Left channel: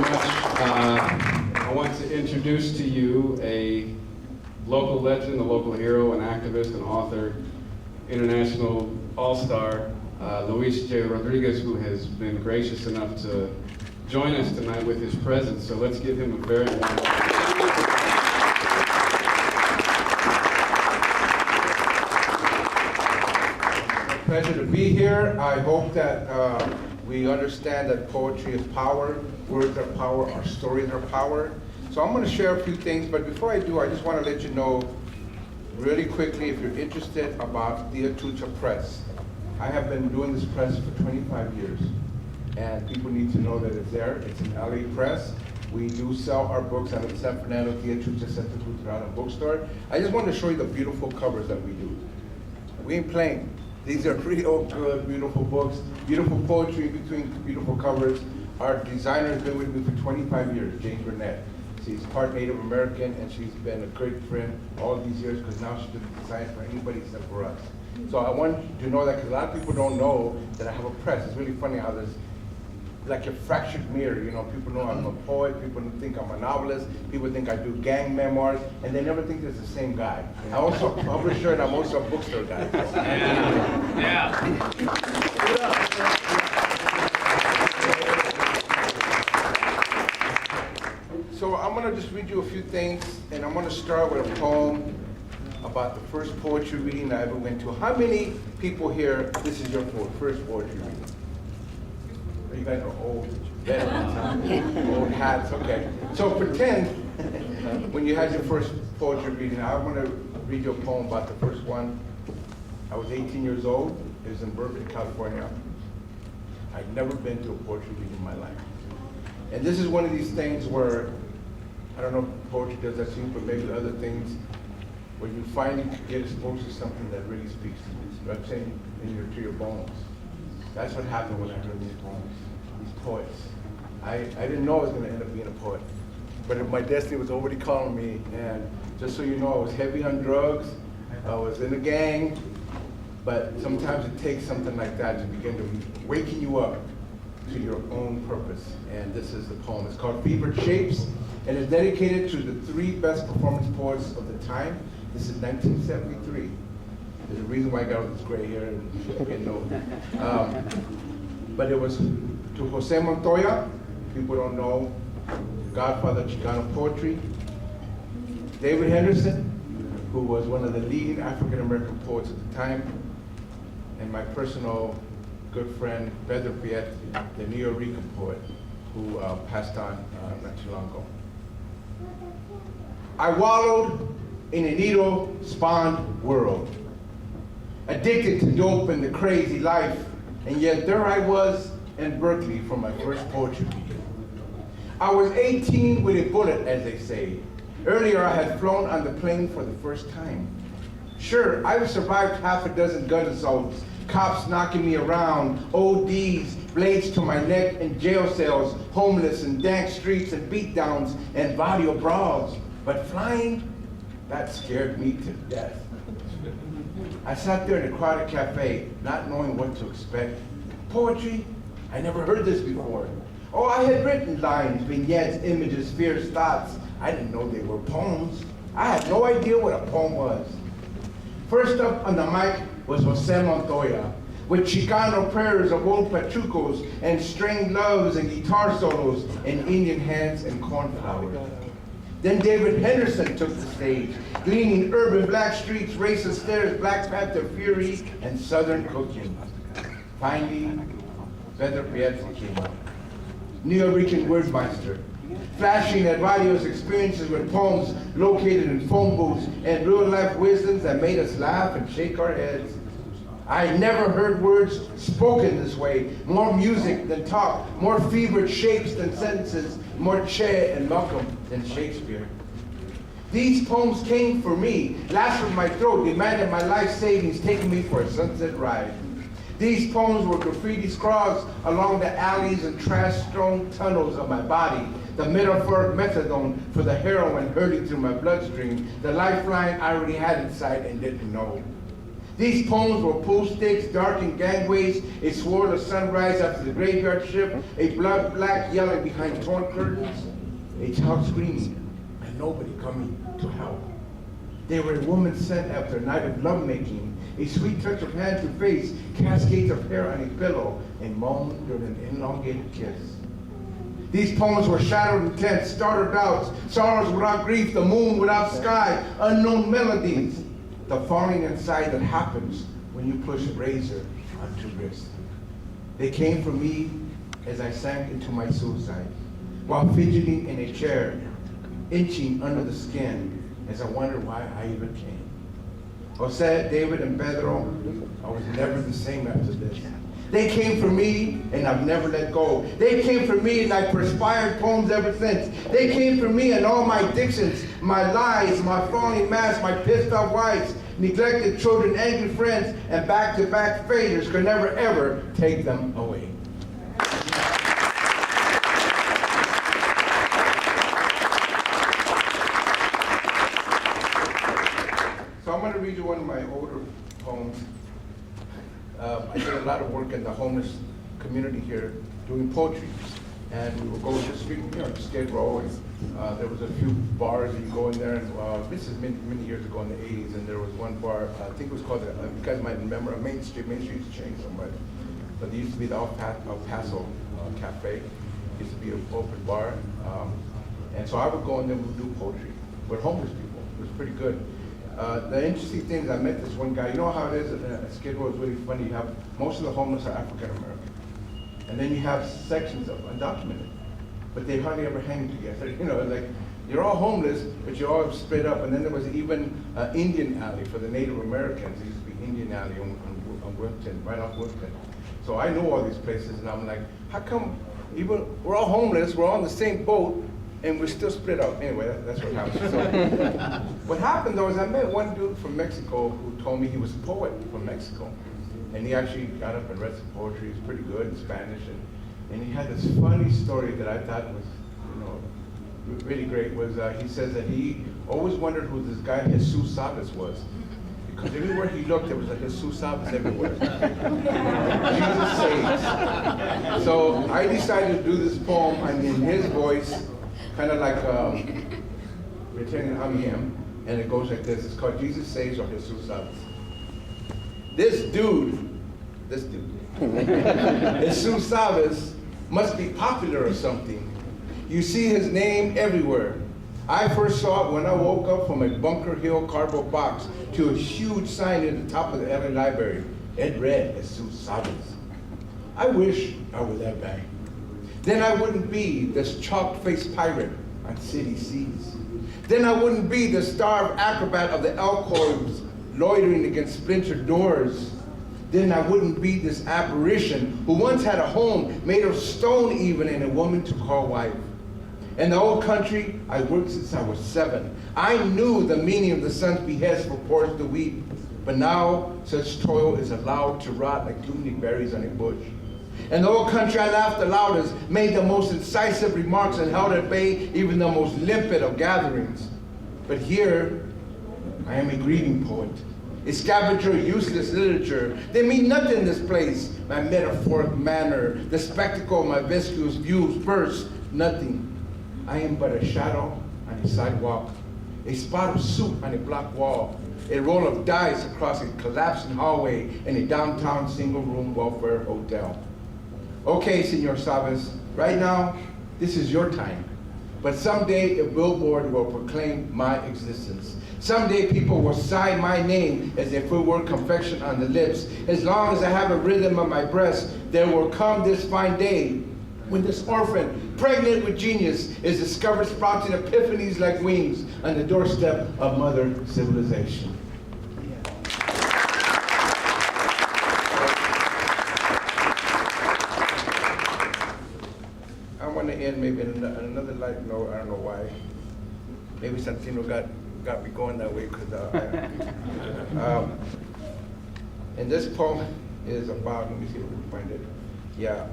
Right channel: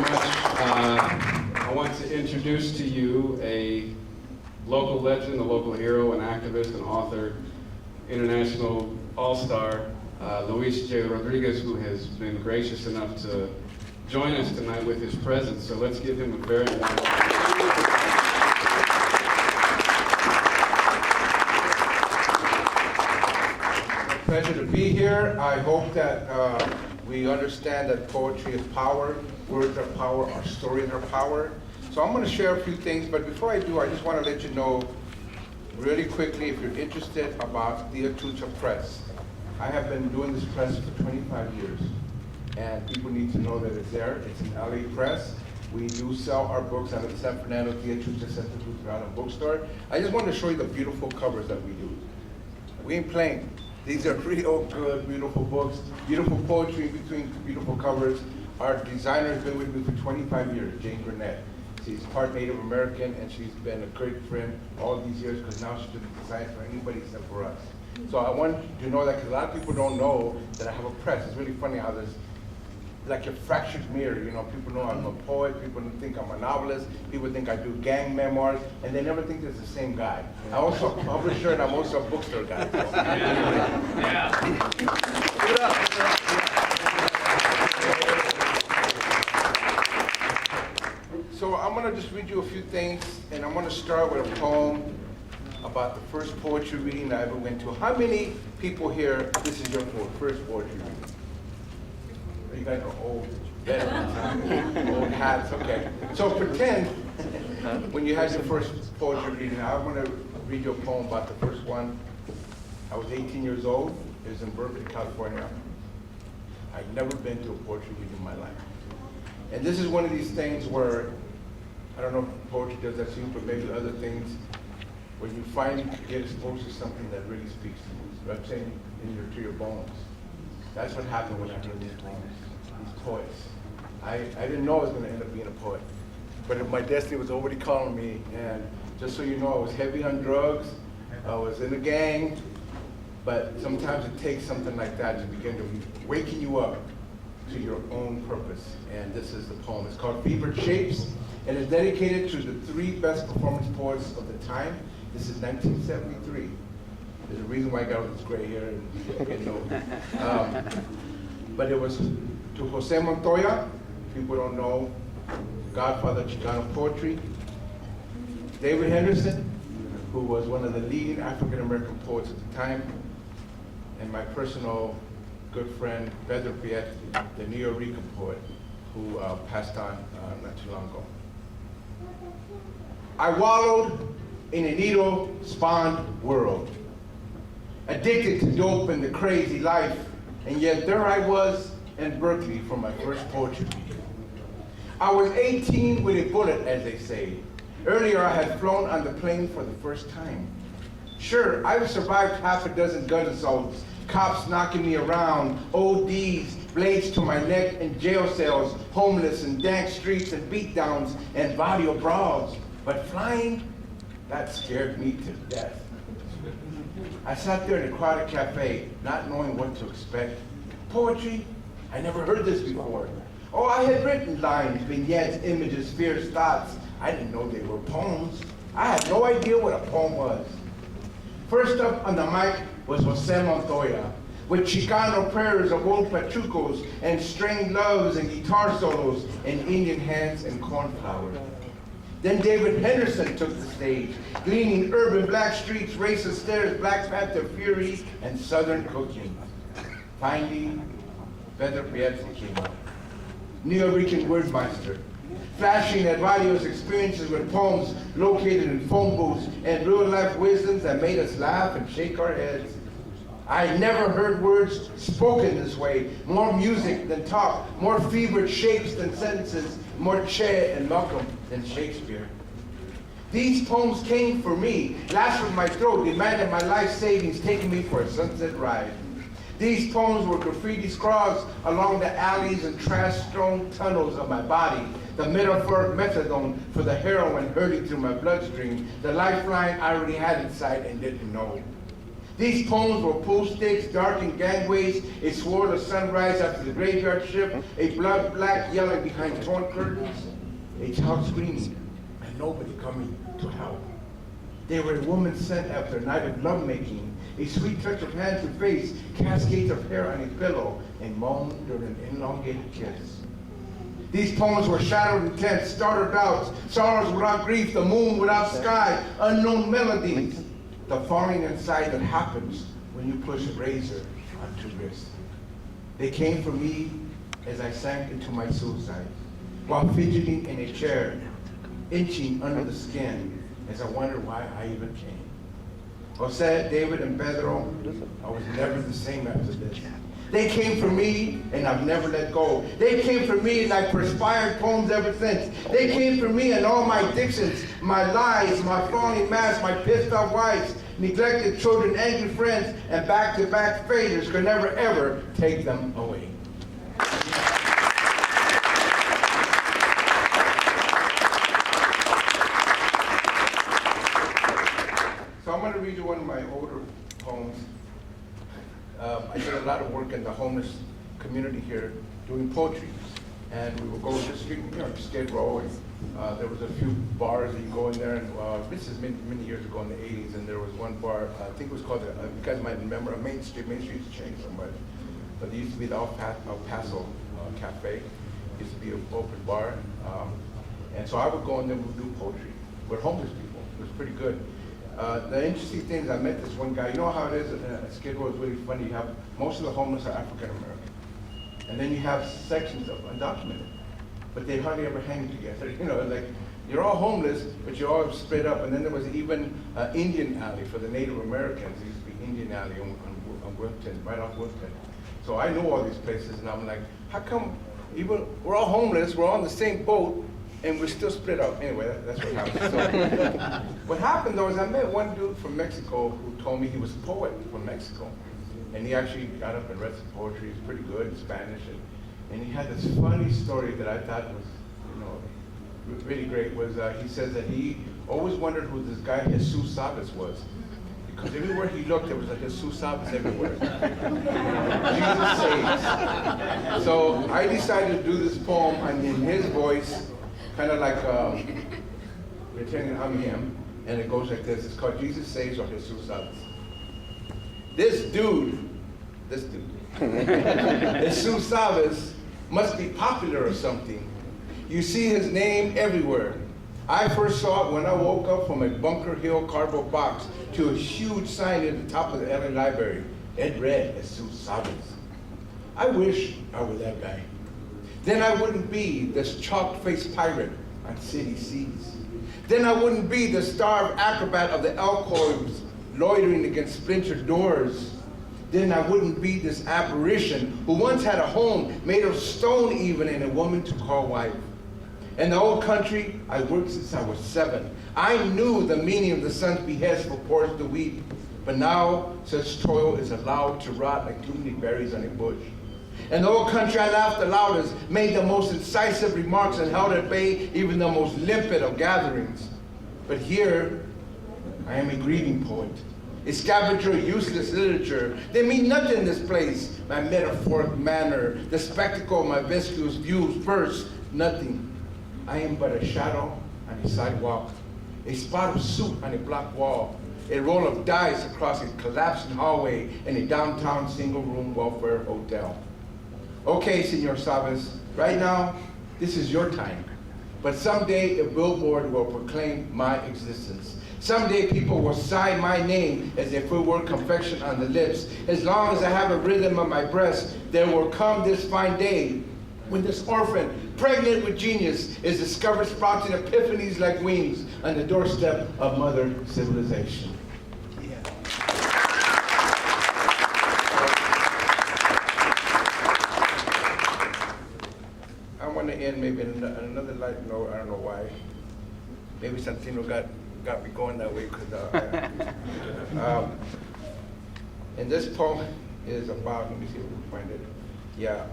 much. I want to introduce to you a local legend, a local hero, an activist, an author, international all-star, Luis J. Rodriguez, who has been gracious enough to join us tonight with his presence. So let's give him a very warm welcome. Pleasure to be here. I hope that we understand that poetry is power, words are power, our stories are power. So I'm going to share a few things, but before I do, I just want to let you know really quickly, if you're interested, about the Atucha Press. I have been doing this press for 25 years, and people need to know that it's there. It's an LA press. We do sell our books out of the San Fernando Tia Chucha Santa Cruz bookstore. I just want to show you the beautiful covers that we do. We ain't playing. These are real good, beautiful books, beautiful poetry between beautiful covers. Our designer has been with me for 25 years, Jane Burnett. She's part Native American, and she's been a great friend all these years because now she doesn't design for anybody except for us. So I want you to know that because a lot of people don't know that I have a press. It's really funny how there's like a fractured mirror. You know, people know I'm a poet, people think I'm a novelist, people think I do gang memoirs, and they never think it's the same guy. I'm also a publisher and I'm also a bookstore guy. So. Yeah. So I'm gonna just read you a few things, and I'm gonna start with a poem about the first poetry reading I ever went to. How many people here, this is your first poetry reading? You guys are old veterans, old hats, okay. So pretend when you had your first poetry reading, I want to read you a poem about the first one. I was 18 years old, it was in Berkeley, California. I'd never been to a poetry reading in my life. And this is one of these things where, I don't know if poetry does that to you, but maybe other things, where you finally get exposed to something that really speaks to you. You know what I'm saying? To your bones. That's what happened when I heard these poems, these poets. I didn't know I was going to end up being a poet, but my destiny was already calling me. And just so you know, I was heavy on drugs, I was in a gang, but sometimes it takes something like that to begin to waking you up to your own purpose. And this is the poem. It's called Fevered Shapes, and it's dedicated to the three best performance poets of the time. This is 1973. There's a reason why I got all this gray hair and getting old. But it was to Jose Montoya, people don't know, godfather of Chicano poetry. David Henderson, who was one of the leading African-American poets at the time. And my personal good friend, Pedro Piet, the Neo Rican poet, who passed on not too long ago. I wallowed in a needle-spawned world, addicted to dope and the crazy life, and yet there I was in Berkeley for my first poetry reading. I was 18 with a bullet, as they say. Earlier I had flown on the plane for the first time. Sure, I've survived half a dozen gun assaults, cops knocking me around, ODs, blades to my neck, and jail cells, homeless and dank streets and beatdowns and barrio brawls. But flying, that scared me to death. I sat there in a crowded cafe, not knowing what to expect. Poetry? I never heard this before. Oh, I had written lines, vignettes, images, fierce thoughts. I didn't know they were poems. I had no idea what a poem was. First up on the mic was Jose Montoya, with Chicano prayers of old pachucos and strained loves and guitar solos and Indian hands and cornflowers. Then David Henderson took the stage, gleaning urban black streets, racist stares, Black Panther fury, and Southern cooking. Finally, Pedro Piazzi came up, Neo Rican wordmeister, flashing at Radio's experiences with poems located in phone booths and real-life wisdoms that made us laugh and shake our heads. I never heard words spoken this way, more music than talk, more fevered shapes than sentences, more Che and Malcolm than Shakespeare. These poems came for me, lashed with my throat, demanded my life savings, taking me for a sunset ride. These poems were graffiti scrawls along the alleys and trash-strewn tunnels of my body, the metaphoric methadone for the heroin hurling through my bloodstream, the lifeline I already had inside and didn't know. These poems were pool sticks, darkened gangways, a swirl of sunrise after the graveyard shift, a blood black yelling behind torn curtains, a child screaming, and nobody coming to help. They were a woman sent after a night of lovemaking, a sweet touch of hand to face, cascades of hair on a pillow, a moan during an elongated kiss. These poems were shadowed intent, starter doubts, sorrows without grief, the moon without sky, unknown melodies, the falling inside that happens when you push a razor onto wrist. They came for me as I sank into my suicide, while fidgeting in a chair, inching under the skin, as I wondered why I even came. Jose, David, and Pedro, I was never the same after this. They came for me, and I've never let go. They came for me, and I perspired poems ever since. They came for me and all my addictions, my lies, my falling masks, my pissed off wives, neglected children, angry friends, and back-to-back failures could never, ever take them away. So I'm going to read you one of my older poems. I did a lot of work in the homeless community here doing poetry. And we would go to the street, Skid Row, and there was a few bars that you go in there. And this is many years ago in the 80s, and there was one bar, I think it was called, you guys might remember, Main Street. Main Street's changed so much. But there used to be the El Paso Cafe. It used to be an open bar. And so I would go in there and we would do poetry with homeless people. It was pretty good. The interesting thing is I met this one guy. You know how it is at Skid Row is really funny. You have, most of the homeless are African American. And then you have sections of undocumented, but they hardly ever hang together. Like you're all homeless, but you're all split up. And then there was even Indian Alley for the Native Americans. It used to be Indian Alley on Wilton, right off Wilton. So I know all these places, and I'm like, how come even we're all homeless, we're all on the same boat, and we're still split up? Anyway, that's what happened. So, what happened though is I met one dude from Mexico who told me he was a poet from Mexico. And he actually got up and read some poetry. He's pretty good in Spanish. And he had this funny story that I thought was, really great. Was he says that he always wondered who this guy Jesus Sabas was. Because everywhere he looked, there was a Jesus Sabas everywhere. Jesus saves. So I decided to do this poem in his voice, kind of like pretending I'm him. And it goes like this. It's called Jesus Saves or Jesus Sabas. This dude, Jesus Sabas, must be popular or something. You see his name everywhere. I first saw it when I woke up from a Bunker Hill cardboard box to a huge sign at the top of the LA Library. It read, Jesus Sabas. I wish I were that guy. Then I wouldn't be this chalk-faced pirate on city seas. Then I wouldn't be the starved acrobat of the alcoves loitering against splintered doors. Then I wouldn't be this apparition who once had a home made of stone even and a woman to call wife. In the old country, I worked since I was 7. I knew the meaning of the sun's behest for pours to weep. But now such toil is allowed to rot like too many berries on a bush. In the old country, I laughed the loudest, made the most incisive remarks, and held at bay even the most limpid of gatherings. But here, I am a grieving poet, a scavenger of useless literature. They mean nothing in this place. My metaphoric manner, the spectacle of my viscous views, verse, nothing. I am but a shadow on a sidewalk, a spot of soup on a block wall, a roll of dice across a collapsing hallway in a downtown single-room welfare hotel. Okay, Senor Sabas, right now, this is your time. But someday a billboard will proclaim my existence. Someday people will sign my name as if it were confection on the lips. As long as I have a rhythm on my breast, there will come this fine day when this orphan, pregnant with genius, is discovered sprouting epiphanies like wings on the doorstep of mother civilization. I want to end maybe on another light note. I don't know why. Maybe Santino got me going that way because and this poem is about, let me see if we can find it. Yeah.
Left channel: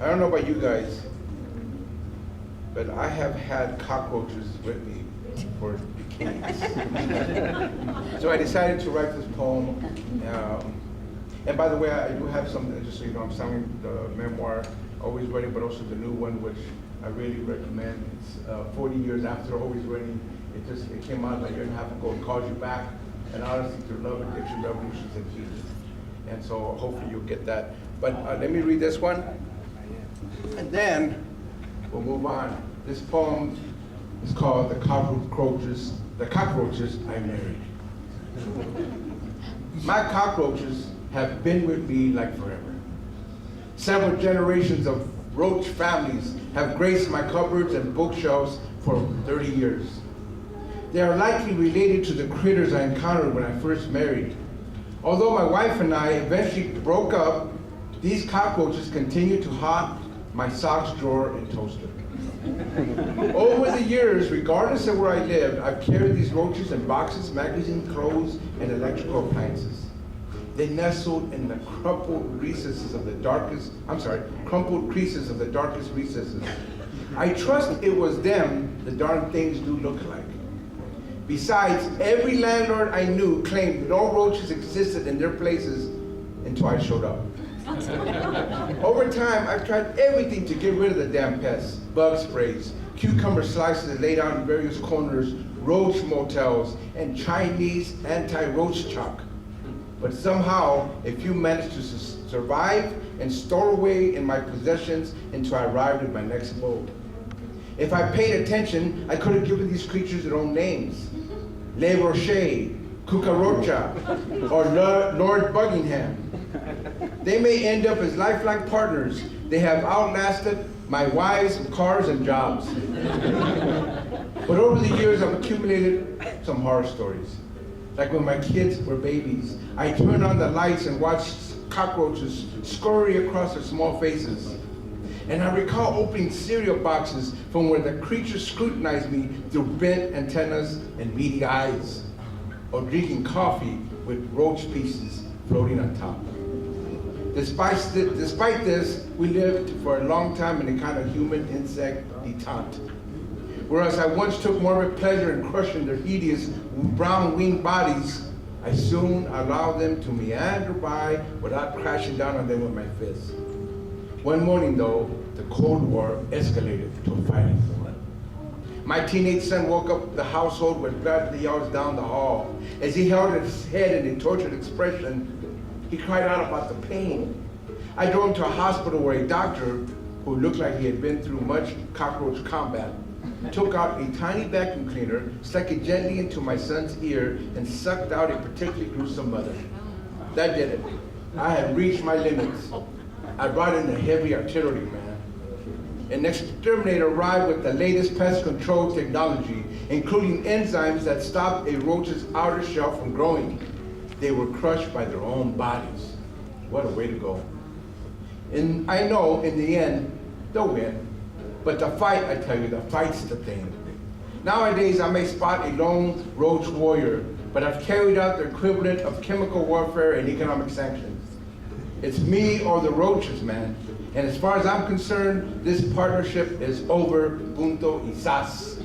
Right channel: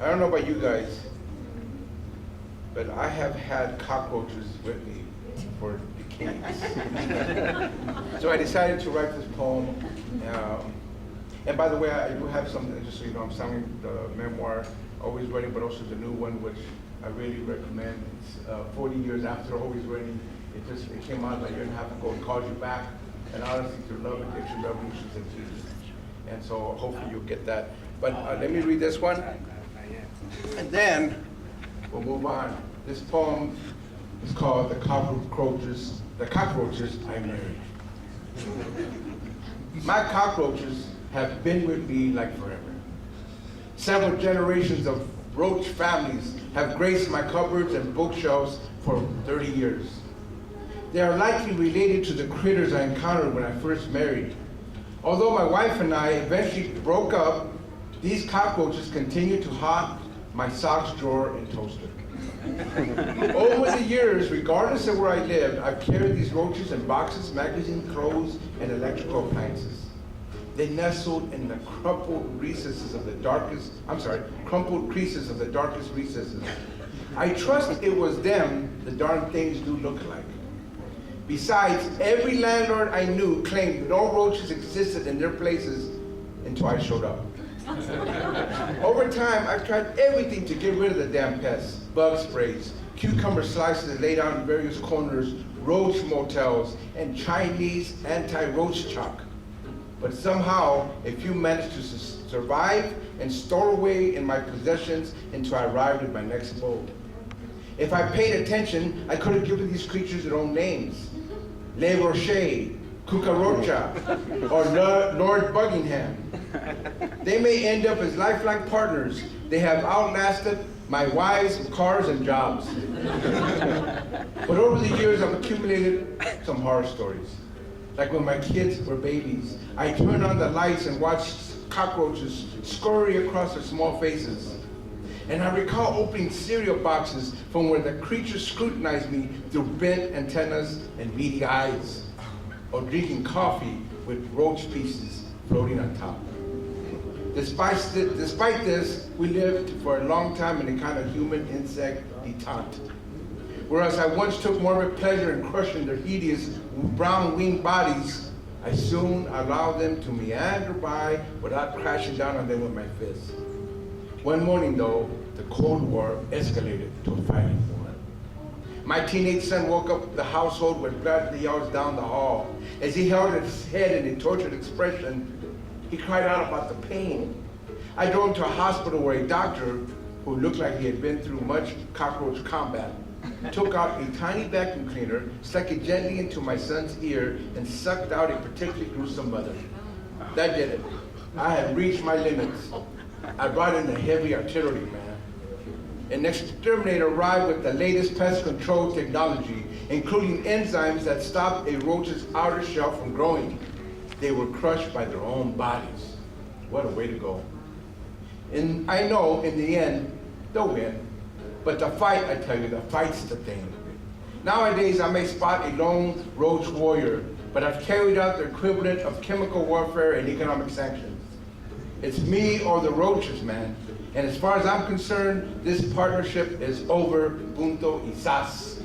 I don't know about you guys, but I have had cockroaches with me for So I decided to write this poem. And by the way, I do have some, just so you know, I'm selling the memoir, Always Ready, but also the new one, which I really recommend. It's 40 years after Always Ready. It came out a year and a half ago. It calls you back. And honestly, through love, addiction, revolutions, and peace. And so hopefully you'll get that. But let me read this one. And then we'll move on. This poem is called The Cockroaches I Married. My cockroaches have been with me like forever. Several generations of roach families have graced my cupboards and bookshelves for 30 years. They are likely related to the critters I encountered when I first married. Although my wife and I eventually broke up, these cockroaches continue to haunt my socks drawer and toaster. Over the years, regardless of where I lived, I've carried these roaches in boxes, magazines, clothes, and electrical appliances. They nestled in the crumpled creases of the darkest recesses. I trust it was them the darn things do look like. Besides, every landlord I knew claimed no roaches existed in their places until I showed up. Over time, I've tried everything to get rid of the damn pests. Bug sprays, cucumber slices laid out in various corners, roach motels, and Chinese anti-roach chalk. But somehow, a few managed to survive and store away in my possessions until I arrived at my next abode. If I paid attention, I could have given these creatures their own names. Le Rocher, Cucaracha, or Lord Buckingham. They may end up as lifelong partners. They have outlasted my wives, cars, and jobs. But over the years, I've accumulated some horror stories. Like when my kids were babies, I turned on the lights and watched cockroaches scurry across their small faces. And I recall opening cereal boxes from where the creatures scrutinized me through bent antennas and beady eyes, or drinking coffee with roach pieces floating on top. Despite this, we lived for a long time in a kind of human-insect detente. Whereas I once took more of a pleasure in crushing their hideous brown-winged bodies, I soon allowed them to meander by without crashing down on them with my fists. One morning, though, the Cold War escalated to a fighting war. My teenage son woke up the household with blood yells down the hall. As he held his head in a tortured expression, he cried out about the pain. I drove him to a hospital where a doctor, who looked like he had been through much cockroach combat, took out a tiny vacuum cleaner, stuck it gently into my son's ear, and sucked out a particularly gruesome mother. That did it. I had reached my limits. I brought in the heavy artillery, man. An exterminator arrived with the latest pest control technology, including enzymes that stopped a roach's outer shell from growing. They were crushed by their own bodies. What a way to go. And I know, in the end, they'll win. But the fight, I tell you, the fight's the thing. Nowadays, I may spot a lone roach warrior, but I've carried out the equivalent of chemical warfare and economic sanctions. It's me or the roaches, man. And as far as I'm concerned, this partnership is over. Punto y sas.